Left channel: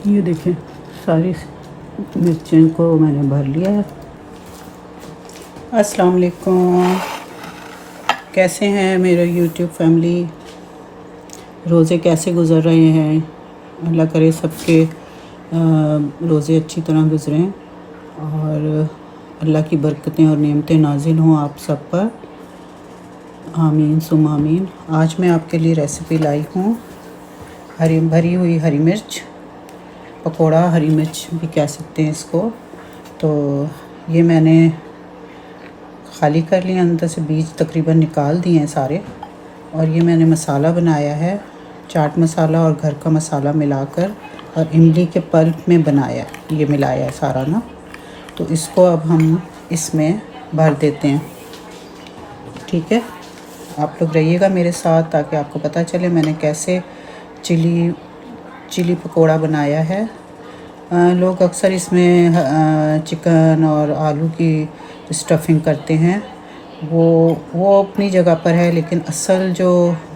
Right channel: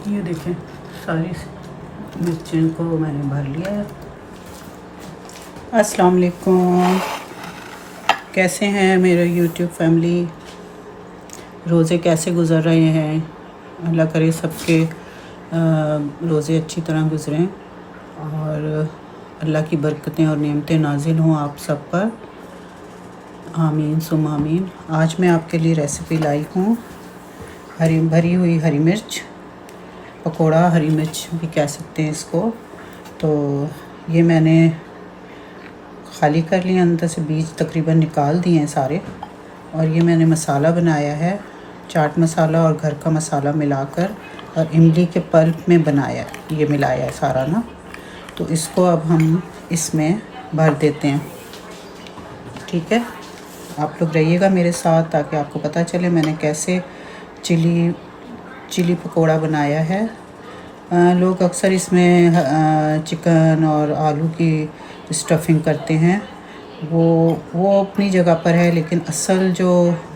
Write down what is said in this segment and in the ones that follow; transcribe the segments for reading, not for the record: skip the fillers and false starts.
ये देखें सारी मिर्चें को मैंने भर लिया है। अस्सलाम वालेकुम, कैसे हैं मेरे यूट्यूब फैमिली। रोज़े कैसे गुज़र रहे हैं। अल्लाह करे सबके रोज़े अच्छी तरह गुज़रें और अल्लाह की बरकतें और नेमतें नाजिल हों आप सब पर, आमीन सुम आमीन। आज मैं आपके लिए रेसिपी लाई हूँ भरी हुई हरी मिर्च पकोड़ा, हरी मिर्च भी कह सकते हैं इसको। तो ये मैंने खाली कर लिया, अंदर से बीज तकरीबन निकाल दिए हैं सारे। और ये मैंने मसाला बनाया है, चाट मसाला और घर का मसाला मिलाकर और इमली के पल्प में बनाया है, ये मिलाया है सारा ना। तो इसको अब हम इसमें भर देते हैं, ठीक है। आप लोग रहिएगा मेरे साथ ताकि आपको पता चले मैंने कैसे चिली पकोड़ा बनाया है। लोग अक्सर इसमें चिकन और आलू की स्टफिंग करते हैं, वो अपनी जगह पर है, लेकिन असल जो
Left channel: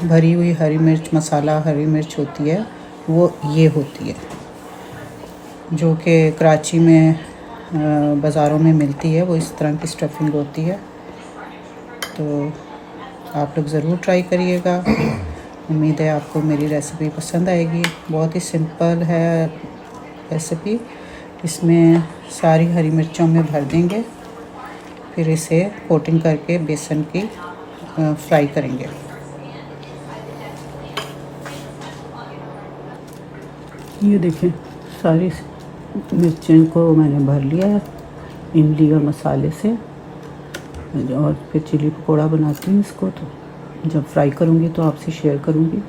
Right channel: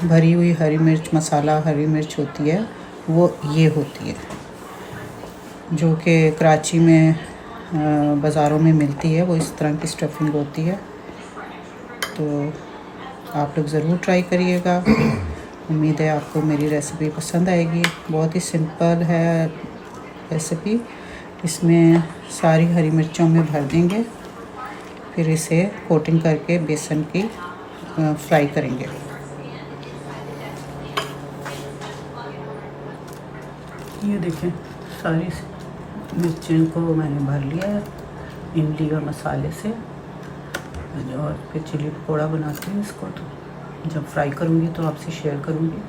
भरी हुई हरी मिर्च मसाला हरी मिर्च होती है वो ये होती है, जो कि कराची में बाज़ारों में मिलती है। वो इस तरह की स्टफिंग होती है। तो आप लोग ज़रूर ट्राई करिएगा। उम्मीद है आपको मेरी रेसिपी पसंद आएगी। बहुत ही सिंपल है रेसिपी। इसमें सारी हरी मिर्चों में भर देंगे, फिर इसे कोटिंग करके बेसन की फ्राई करेंगे। ये देखें सारी मिर्चें को मैंने भर लिया है इमली और मसाले से। और फिर चिली पकोड़ा बनाती हूँ इसको, तो जब फ्राई करूँगी तो आपसे शेयर करूँगी।